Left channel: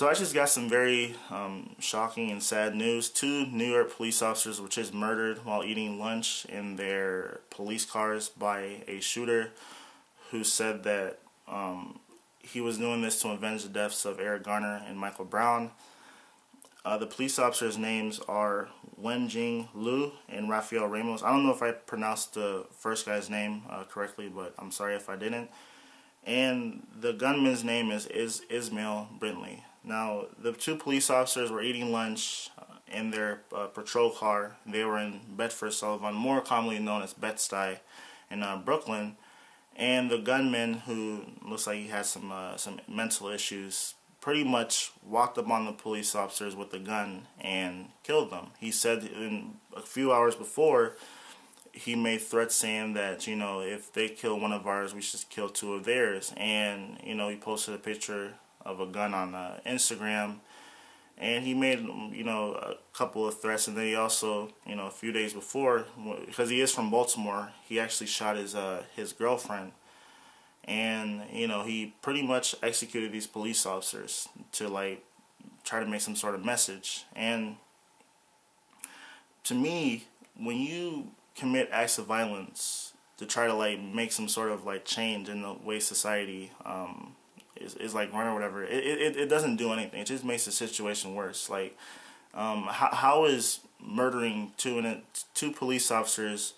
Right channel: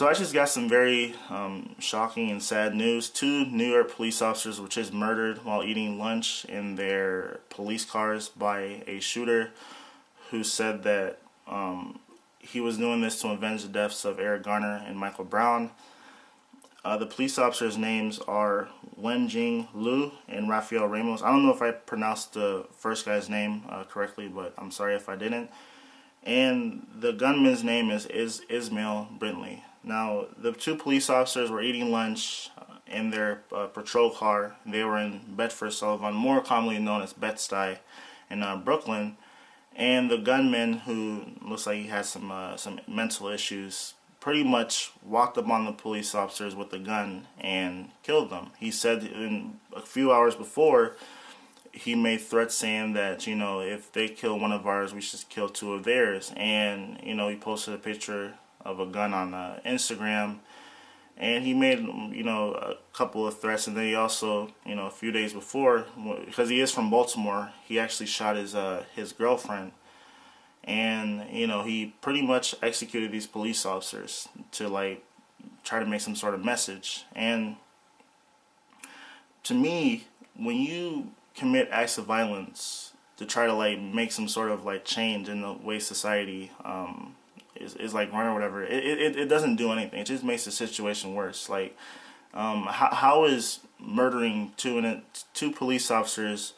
So I just got some very shocking and sad news. 2 New York police officers were just murdered while eating lunch in their police cars by a shooter who said that he was doing this to avenge the deaths of Eric Garner and Michael Brown. The police officers' names are Wenjing Liu and Rafael Ramos. I don't know if I pronounced the first guy's name correctly, but I'm sorry if I didn't. And the gunman's name is Ismail Brintley. Now, the 2 police officers were eating lunch in their patrol car. They were in Bedford-Stuyvesant, more commonly known as Bed-Stuy, in Brooklyn. And the gunman, who looks like he has some mental issues, pretty much walked up on the police officers with a gun and killed them. He said in a few hours before, he made threats saying that, you know, if they kill one of ours, we should kill 2 of theirs. And, you know, he posted a picture of a gun on Instagram, and he made, you know, a couple of threats. And then he also, you know, a few days before, because he is from Baltimore, he actually shot his girlfriend. And, you know, he pretty much executed these police officers to, like, try to make some sort of message. And to me, when you commit acts of violence to try to, like, make some sort of, like, change in the way society is like run or whatever, it doesn't do anything. It just makes the situation worse. Like, how is murdering 2 police officers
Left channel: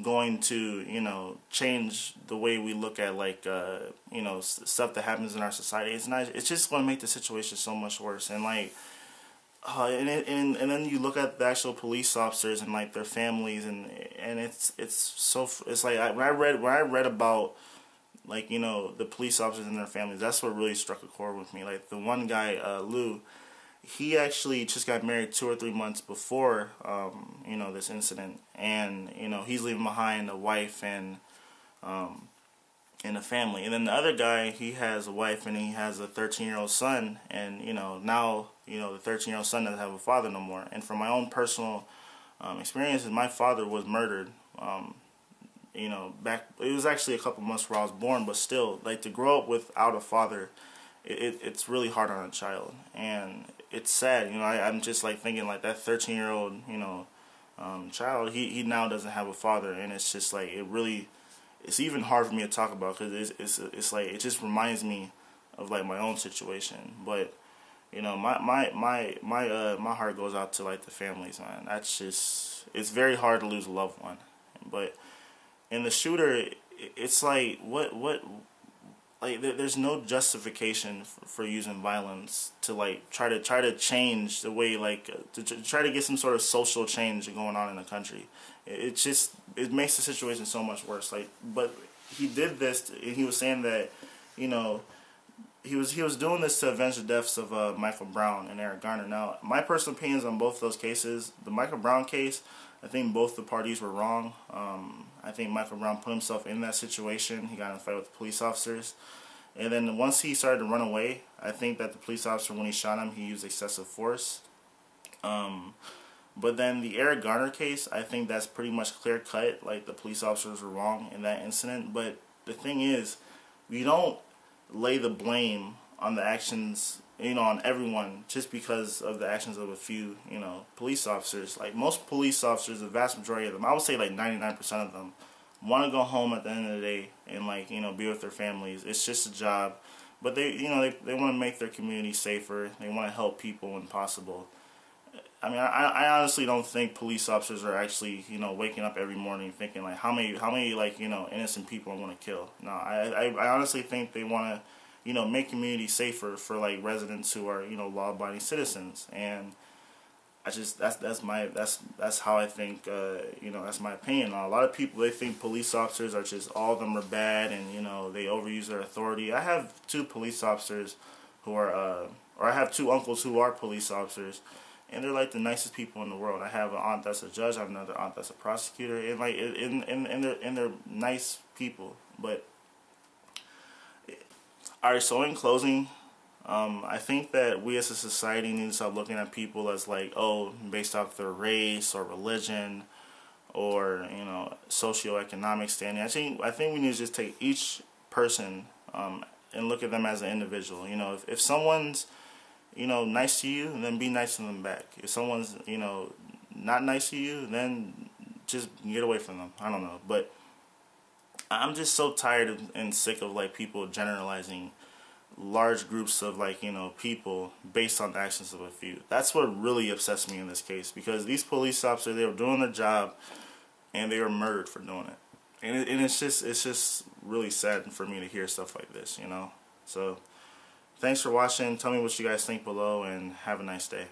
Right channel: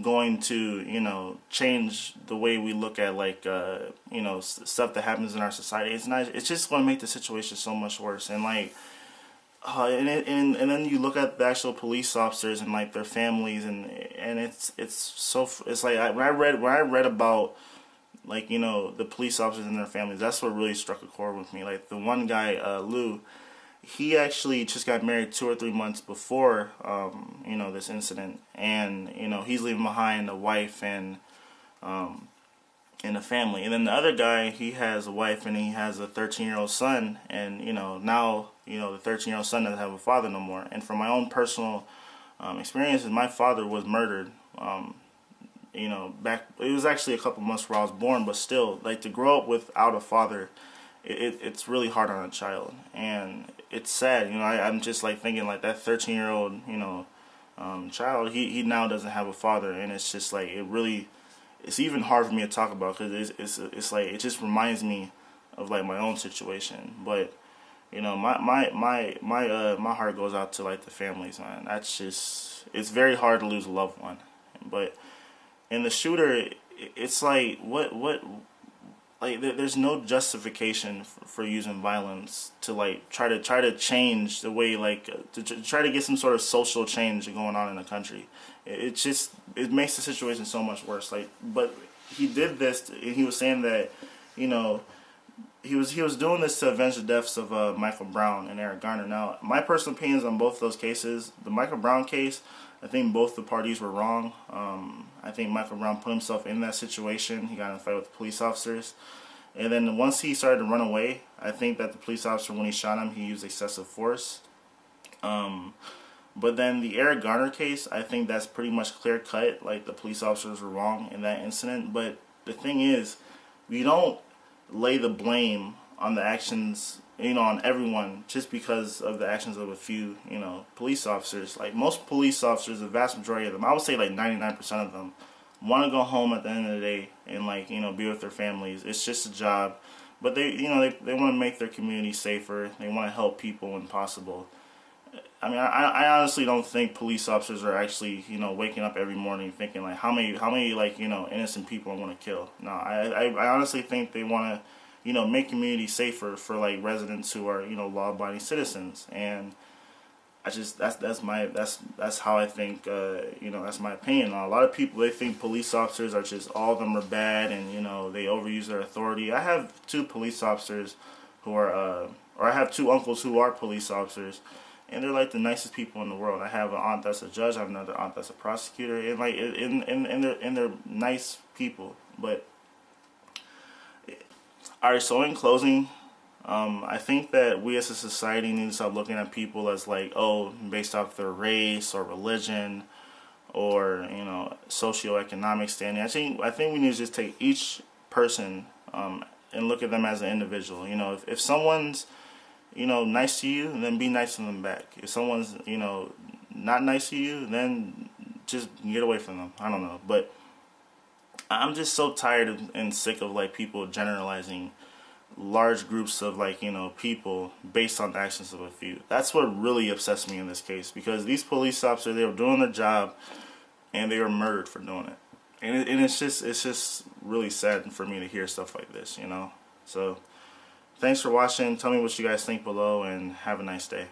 going to, you know, change the way we look at, like, you know, stuff that happens in our society? It's not. It's just going to make the situation so much worse. And, like, and then you look at the actual police officers and, like, their families, and it's like when I read about, like, you know, the police officers and their families, that's what really struck a chord with me. Like, the one guy, Lou, he actually just got married 2 or 3 months before, you know, this incident. And, you know, he's leaving behind a wife and a family. And then the other guy, he has a wife and he has a 13-year-old son. And, you know, now, you know, the 13-year-old son doesn't have a father no more. And from my own personal experiences, my father was murdered. You know, it was actually a couple months before I was born, but still, like, to grow up without a father, it's really hard on a child. And it's sad, you know. I'm just, like, thinking, like, that 13-year-old, you know, child, he now doesn't have a father, and it's just, like, it's even hard for me to talk about, because it's like, it just reminds me of, like, my own situation. But, you know, my heart goes out to, like, the families, man. That's just, it's very hard to lose a loved one. But in the shooter, it's like, like, there's no justification for using violence to, like, try to change the way, like, to try to get some sort of social change going on in the country. It makes the situation so much worse. Like, but he did this, and he was saying that, you know, he was doing this to avenge the deaths of Michael Brown and Eric Garner. Now, my personal opinions on both those cases, the Michael Brown case, I think both the parties were wrong. I think Michael Brown put himself in that situation. He got in a fight with the police officers. And then once he started to run away, I think that the police officer, when he shot him, he used excessive force. But then the Eric Garner case, I think that's pretty much clear-cut. Like, the police officers were wrong in that incident. But the thing is, we don't lay the blame on the actions, you know, on everyone just because of the actions of a few, you know, police officers. Like, most police officers, the vast majority of them, I would say like 99% of them, want to go home at the end of the day and, like, you know, be with their families. It's just a job. But they, you know, they want to make their community safer. They want to help people when possible. I mean, I honestly don't think police officers are actually, you know, waking up every morning thinking, like, how many like, you know, innocent people I want to kill. No, I honestly think they want to, you know, make communities safer for, like, residents who are, you know, law-abiding citizens. And I just, that's how I think, you know, that's my opinion. A lot of people, they think police officers are just, all of them are bad, and, you know, they overuse their authority. I have 2 police officers who are, or I have 2 uncles who are police officers, and they're, like, the nicest people in the world. I have an aunt that's a judge. I have another aunt that's a prosecutor, and, like, and they're nice people. But all right, so in closing, I think that we as a society need to stop looking at people as, like, oh, based off their race or religion or, you know, socioeconomic standing. I think we need to just take each person and look at them as an individual. You know, if someone's you know, nice to you, then be nice to them back. If someone's, you know, not nice to you, then just get away from them. I don't know. But I'm just so tired and sick of, like, people generalizing large groups of, like, you know, people based on the actions of a few. That's what really upsets me in this case, because these police officers, they were doing their job and they were murdered for doing it. And it's just really sad for me to hear stuff like this, you know. So thanks for watching. Tell me what you guys think below, and have a nice day.